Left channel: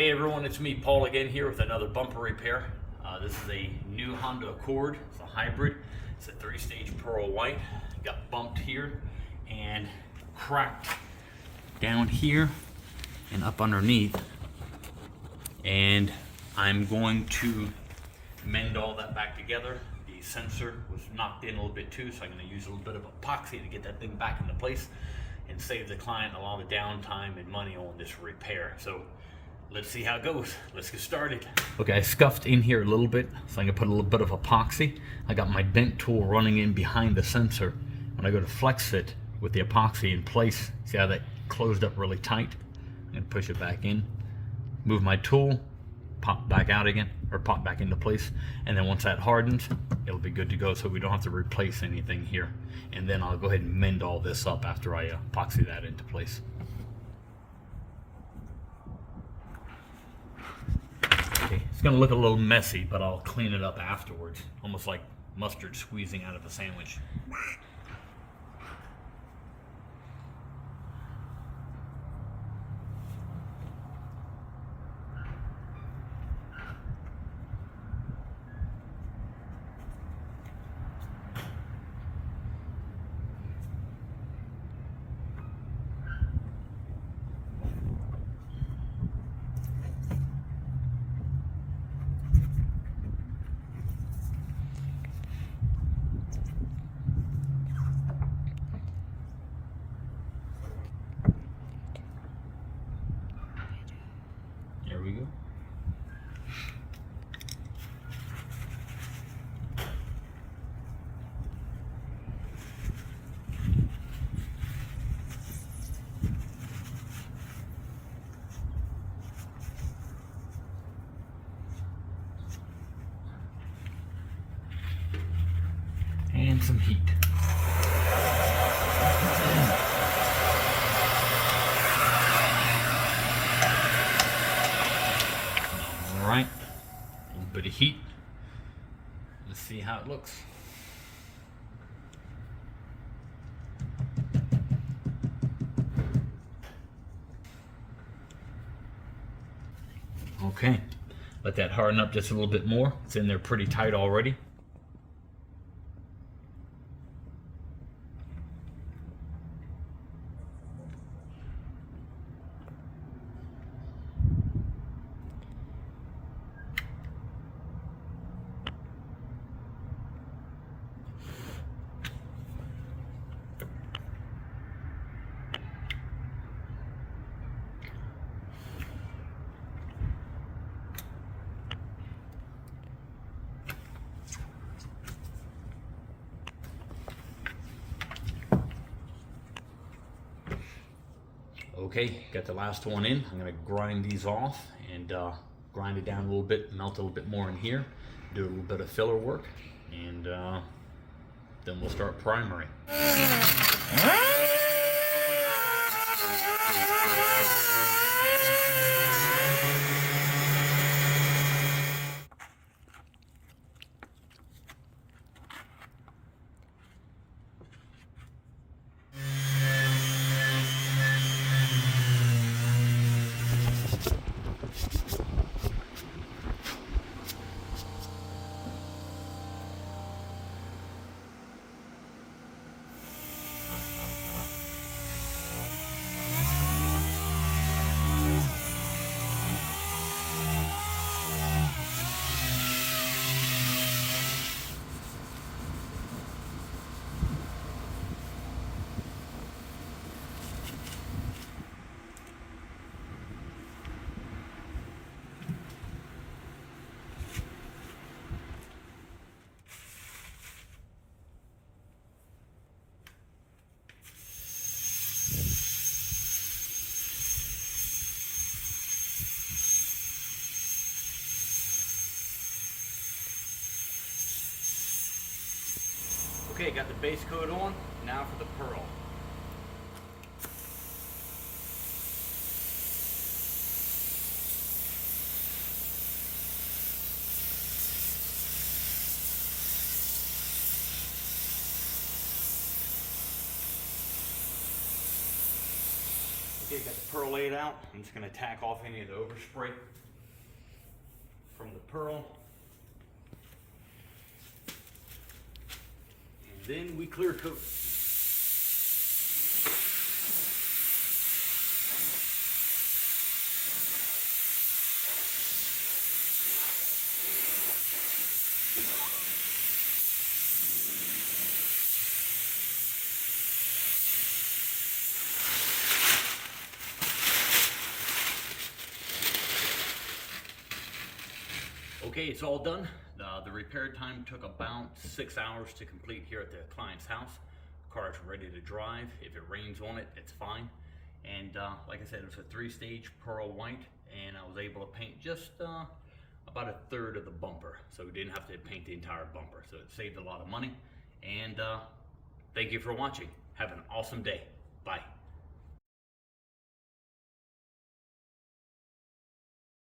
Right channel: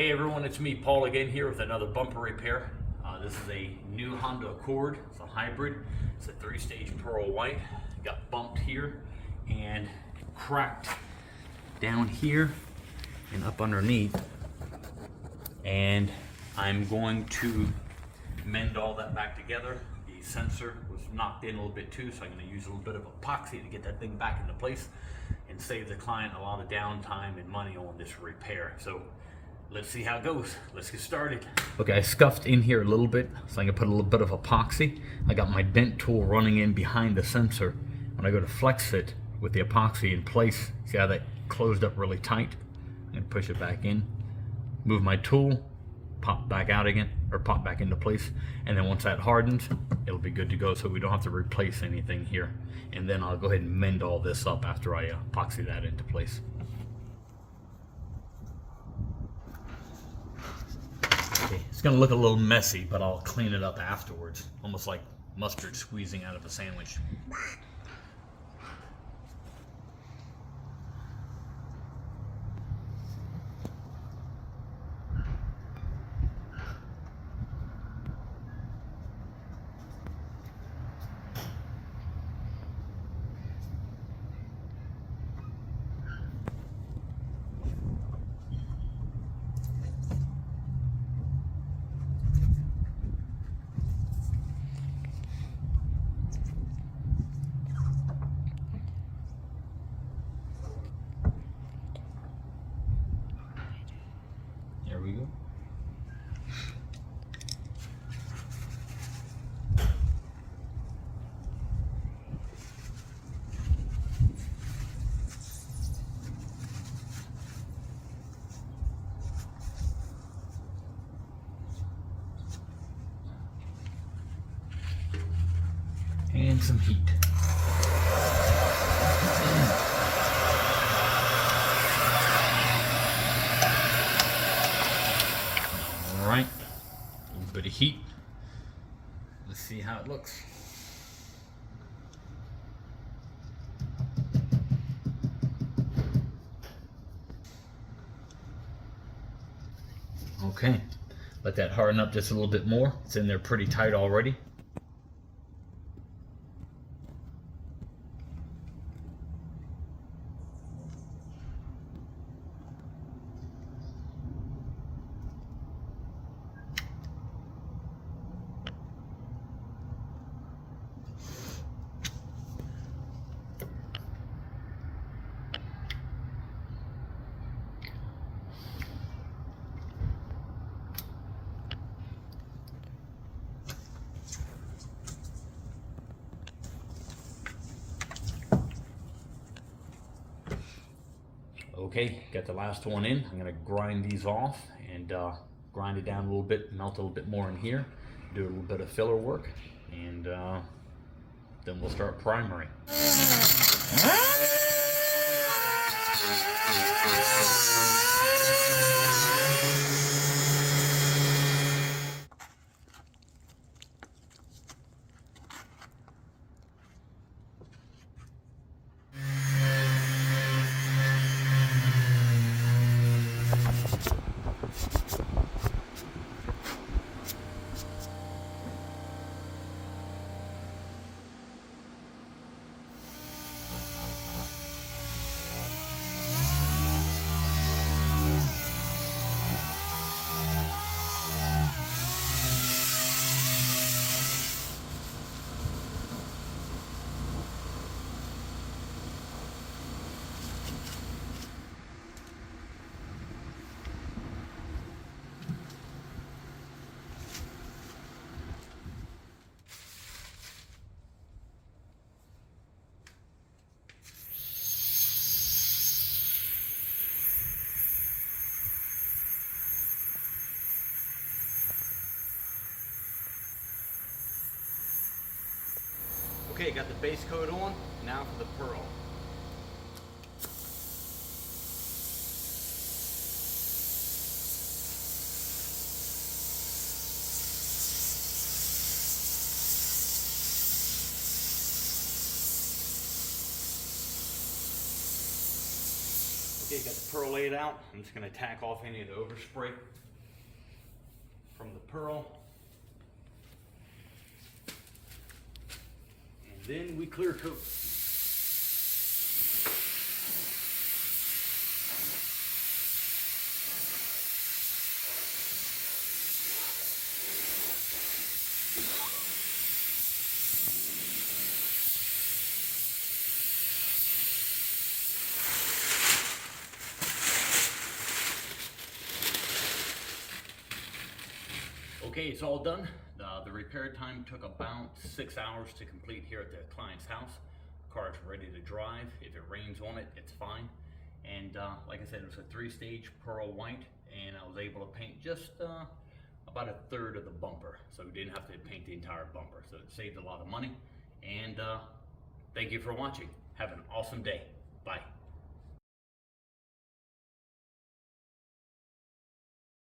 Hey everyone, it's me, Paul, again here with another bumper repair. This is a new Honda Accord. It's a hybrid. It's a 3-stage pearl white. Got bumped here and cracked down here and up underneath. And I'm going to mend all that back together. The sensor was knocked in a little bit too, so I'm going to use a little bit of epoxy to get that thing back into place and save the client a lot of downtime and money on this repair. So let's see how it goes. Let's get started. Okay, I scuffed in here a little bit, so I'm gonna put a little bit of epoxy. I got my dent tool running in behind the sensor. When I go to flex it with the epoxy in place, see how that closed up really tight? And push it back in. Move my tool, pop back out again, or pop back into place. And then once that hardens, it'll be good to go, so we don't have to replace anything here. And then I'll go ahead and mend all this up after I epoxy that into place. Okay, it's gonna look a little messy, but I'll clean it up afterwards. Almost like mustard squeezing out of a sandwich. There we go. And some heat. Alright, a little bit of heat. Let's see how it looks. Okay, let that harden up just a little bit more. It's in there pretty tight already. Okay, got the last one in. I'm gonna grind these off and grind it down a little bit, melt a little bit more in here, do a little bit of filler work, and then we'll start primary. Okay, got the base coat on. Now for the pearl. Okay, Okay, got the pearl laid out. I'm just gonna tack off any of the overspray from the pearl. And then we clear coat. Okay, it's all done. The repair time took about 6 hours to complete here at the client's house. The car is ready to drive. If it rains on it, it's fine. And like I said, it's a 3-stage pearl white, and I was able to paint just about a third of the bumper. So we didn't have to paint the entire bumper. So it saved a lot of money. And thank you for watching. Have an awesome day. Bye.